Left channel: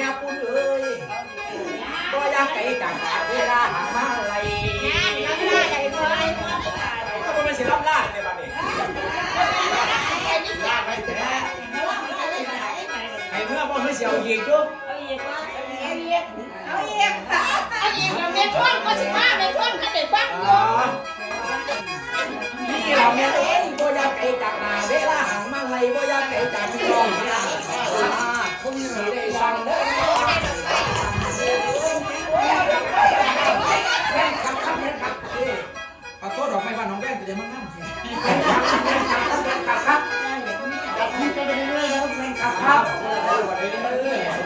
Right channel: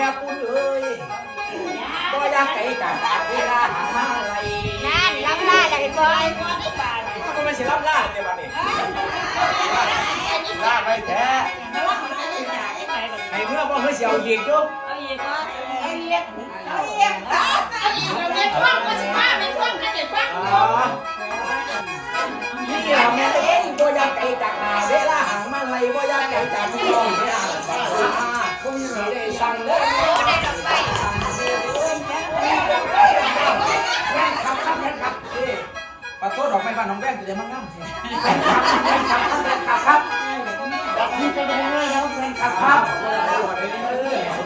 ม่ปุ้นเอ้ยบ่อยากไก่จากเวลาหามาอะไรรับล่าอะไรก่อนเขาต้องไปเสียรับล่าในวันนี้ล่าไปแท้ให้เมื่อบ่เฮ้ยเสียวยิงจุ๊บเอาอีกเราเรียนช่วงก็15เป็นช่วงขนาดฟังนี่เราแม่เองบ่อยากไก่จากเวลาหามาอะไรบ่อยากไก่จากพี่น้องเนี่ยผมสิได้สั่งเด้อแม่ครับขอโทษดอกไม้บ้านน้องแว่นจะได้มางั้มครับนี่จะได้เลยแล้วแฟนครับ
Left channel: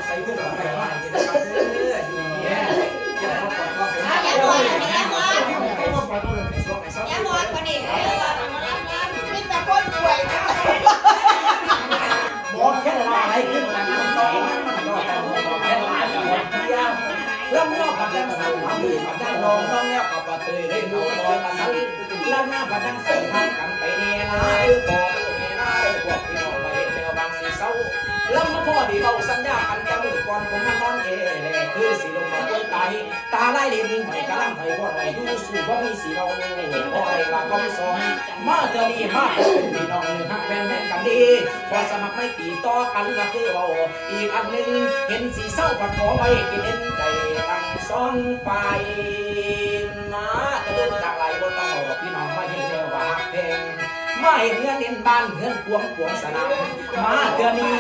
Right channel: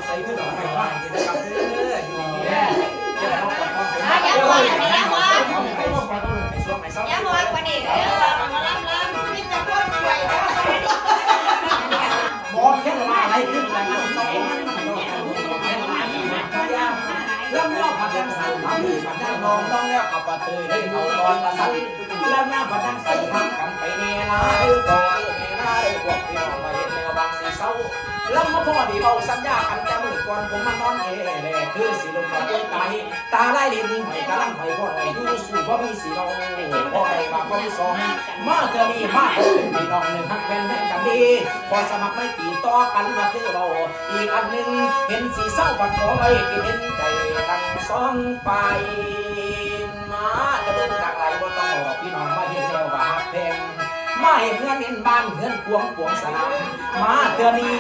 ใส่ขึ้นดอกไม้บ้านจะได้ครับอยู่เนี่ยจะได้พบกับพ่อเป็นช่วงไหนซ้อมยังวันวันนี้บอกแค่ว่าอะไรขึ้นจากนั้นต้องมันก็แต่บอกแค่ว่าลำน้องพัดดังสั่นทำมือพัดดังรองน้องแล้วขับปะเตยได้ดูรอยมาสั่นลำหน้าพัดดังสั่นทำกันไปเนนาต่อเนนาได้พวกพี่น้องมาเห็นแนวบางสีเศร้าลำมาพ่อดีเบาสัญญากันแกมือก่อนผมมานอนเอ๋เลยคือสีลมก่อนด้วยตาไล่เด่นหอยกระลังหอยพ่อหอยยูสูพ่อมีสีน้องพ่อไอ้ว่าพ่อมีสองมาเจอมีมาเจอพี่น้องหนึ่งฮักแม่นกันดีพอสมัครไม่ตีต่อกันมาคือเราอีกอันหนึ่งเห็นสีเศร้าผัดของไอ้กินเห็นใจตั้งซ้อนไปมาตะลึงต่างไหลบนต้องบอกพี่น้องมาเห็นแล้วว่าเพลงมาเห็นเงินเห็นบ้านเงินพวงสนามมาเดือนนี้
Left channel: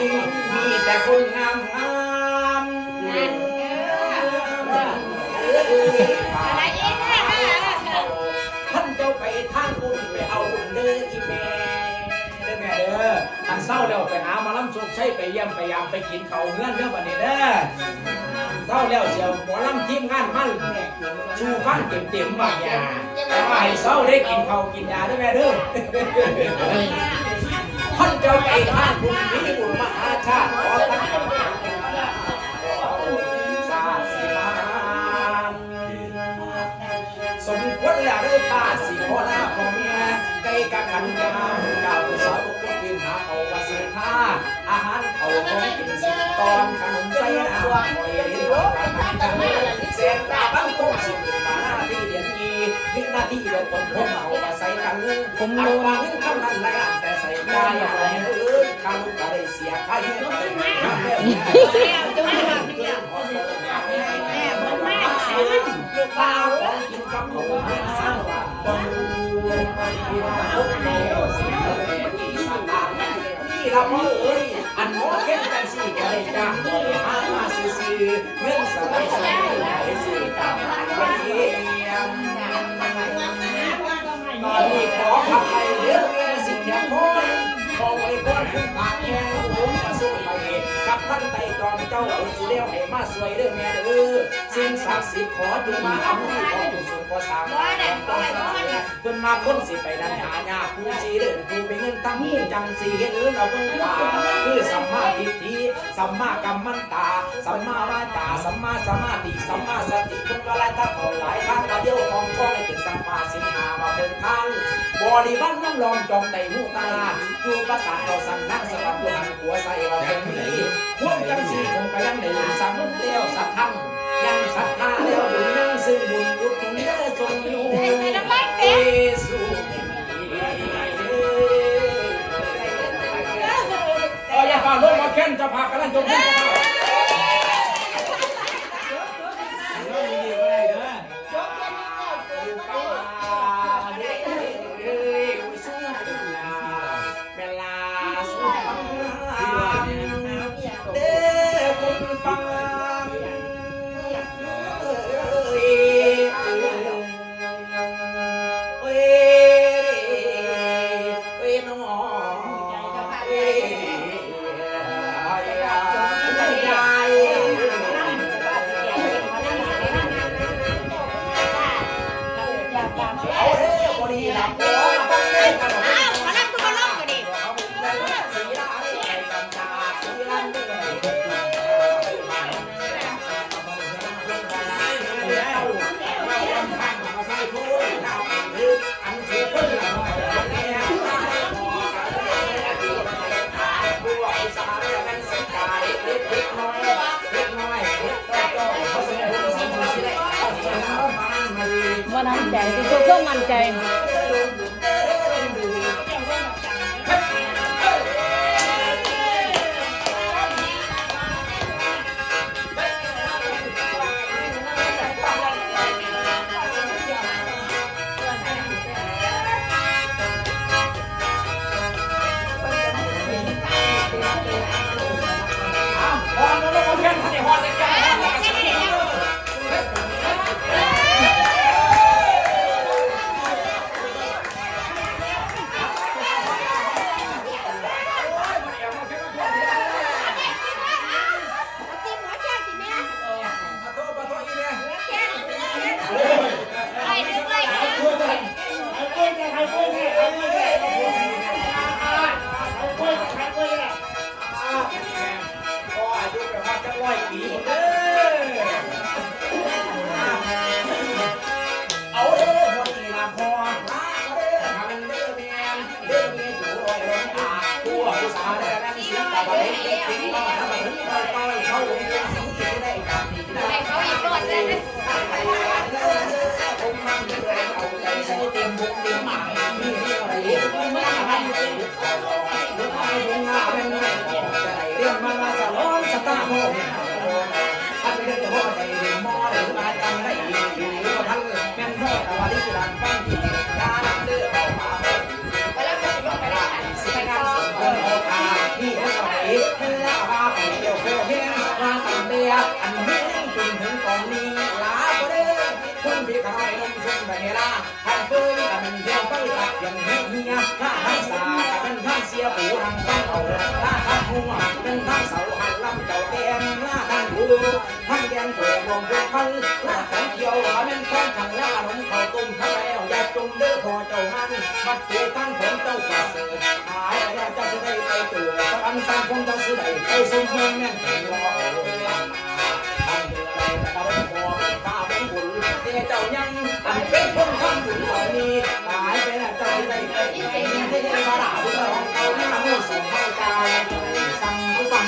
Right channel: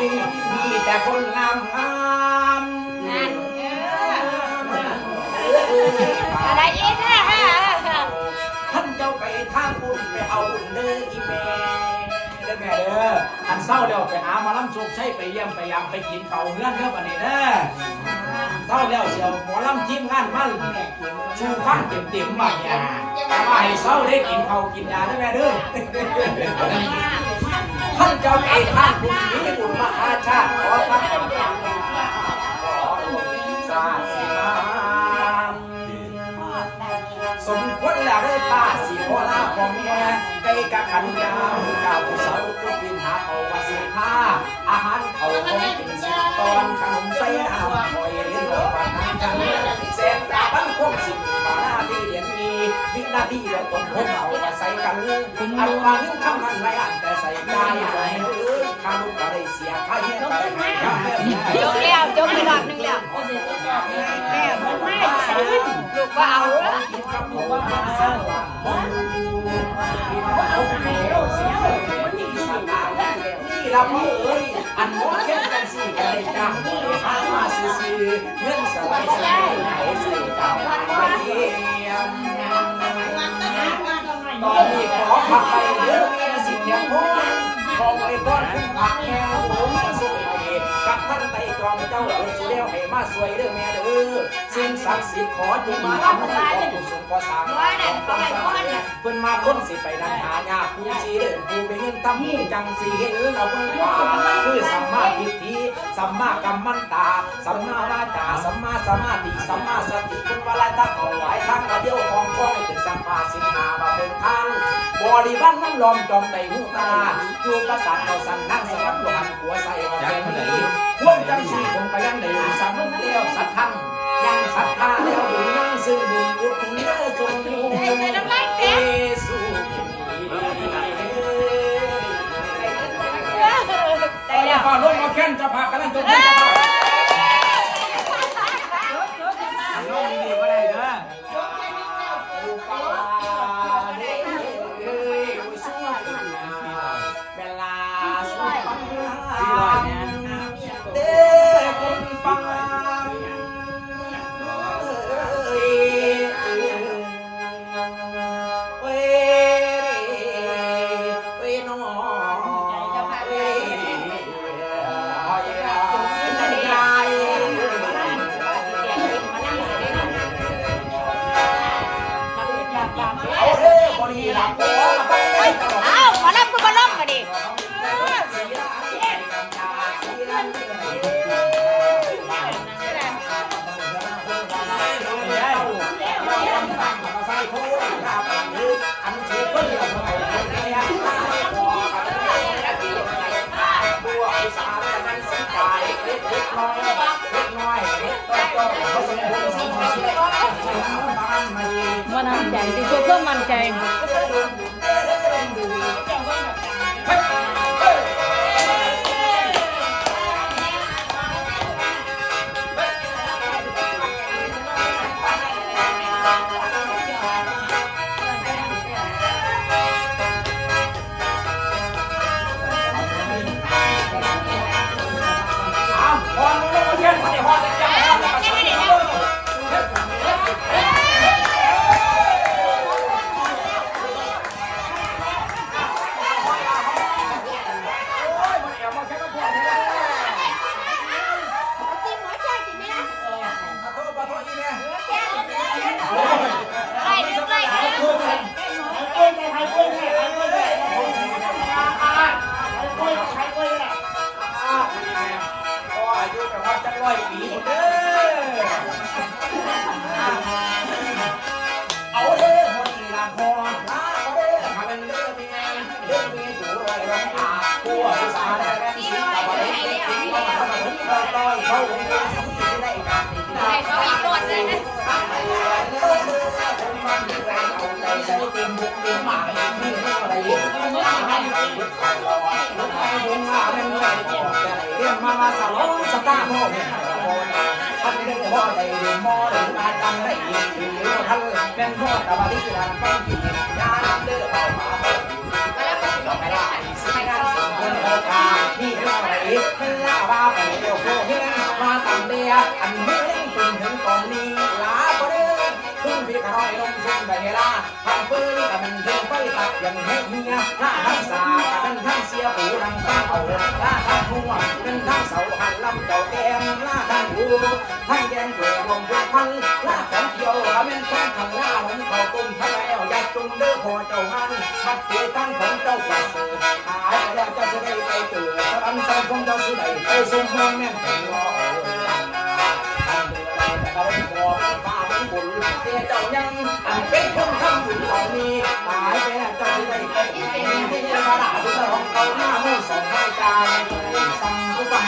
มีแต่คนงามอะไรอีกนะท่านเจ้าไปทางบุญไปเอาบุญเด้ออีแม่เด้อแม่เด้ออันเศร้าเดี๋ยวไปหามาล้ำโชคใช้ไปเยี่ยมไปยามไปกินเขาเงื่อนเด้อบัดนี้เด้อเศร้าแล้วเสียวหมอล้ำทีมงานมันชูฟังเต็มบัดเนี่ยแต่ว่าให้เศร้าได้กินเขากินยาเด้อแม่เด้อท่านเจ้าไปทางบุญมีบุญมหาชาติขอท่านสมควรแล้วเด้อผ้าสีโคลาของแม่ไก่กะขันยาเจ้าผู้สาวผู้ปีนหาเอาว่าสีผ้าอาหารเขาของกินสิบตอนขนมใส่น้ำหอยลิ้นบอกว่าน้ำจันเสียงตาบังคงสิบมาหน้าที่เดียนอีวินาทีเราต้นพบเอาว่าใส่กันผมเอามานึ่งคำนั้นไรอ่านแต่ใส่ใจอะไรข้าลูกก็ได้เสียข้าแย่ไปข้าแม่แล้วจบอีกรอบนึงแล้วแม่บอกไม่ลูกเบากินกับผมว่าสร้างหลังบอลพี่น้องพบแมวเสียมีสนามนี่เราเอ้ยอันโม่แค่จังสี่จะได้จ้างหามาซื้อเงินสลายซื้อให้ซื้อตามไปเยี่ยมตอนนี้ขอพักไปเยอะแม่สิ่งอย่างพ้นขอไว้ก่อนคุณผักแมวผมสู้ไปกับท่านไต่ตรองเจ้าสุเลี้ยวให้มาสวยเด้อแม่เด้อสิ่งศักดิ์สิทธิ์ขอดูมาทำให้ของผู้ทรงก่อสร้างเพิ่นมาพ้นสิไปดันหายากผู้สีเดินผู้ไปเงินตั้งจังสีเห็นเราเพิ่งตาคือสัมมาทิฏฐิสัมมากัมมันตาสัมมาวาจาสัมมาสมาธิสัมมาสติคุณวาระทักของหลายครั้งกระเดียวของช่องถึงสัมมาสินหามาเป็นทางบริวันมันลองจอมในหูตาอยู่ประสาทเราสั่นนั่งสวัสดิ์ตัวหันหัวใส่เราเป็นนี้พวกจังสีคงไปยังหนึ่งสามลุ่มเลี้ยวสัตว์ทั้งยังศรัทธาเลี้ยวบุญนั่งซึ่งบุญอุดหนุนเนื้อทรงอยู่เอสุอย่าฝ่าล้มเราแค้นจะพากันนั่งจมกันน้องดีๆก็ได้เด้อเวลาสุดเด้อคุณฟังขอรับคุณมาล้มมาดิน้อย น้ำใจที่สุดก็มั่นใจ มาสลอนสตาร์โมท่านเรื่องว่าใจเดือดมอหรืองานกันไม่ดีอยู่ท่านเป็นหัวตะวันที่ร้านแป้งดีการเลือกเอามาแล้วก็สิลงไปได้สิไปการส่งคนโอกาที่เรื่องอะไรเพื่อว่าไปเที่ยวเพื่อเฮียมาตั้งเดียอันเฮียจนถึงตอนนี้ลาบ่ได้คุณพี่ขน้อยลงสุ่มไปเวลาท่านเพิ่งกับมันเที่ยวไปตักยังให้เฮียถ้าทั้งสาเป็นทั้งเสียปูรังข้าวถ้าทั้งหัวเป็นทั้งเสาหันลำเจ้าแกงล่าทั้งหูทั้งแกงเกลือลงทุกพันล่าของเที่ยวเป็นข้องขังล่าลงข้าวต้มทั้งแล้วอย่าจมเด้อพอเจ้ามันมัดตีกันของเจ้าป่าสือหายไปแล้วเจ้าจะได้ไปเจอสันสันคงเจ้าสิได้ไปสมเมืองแม่นถึงรอเอาไปพอข้าเป็นบุญเจ้าเจ้ายังอันเป็นคนทำบุญเหล่านี้ตายไปแล้วเจ้าจะได้ไปที่เจ้าขนาดที่เราเอาหน้ามือส่งให้การสั่งผู้บัง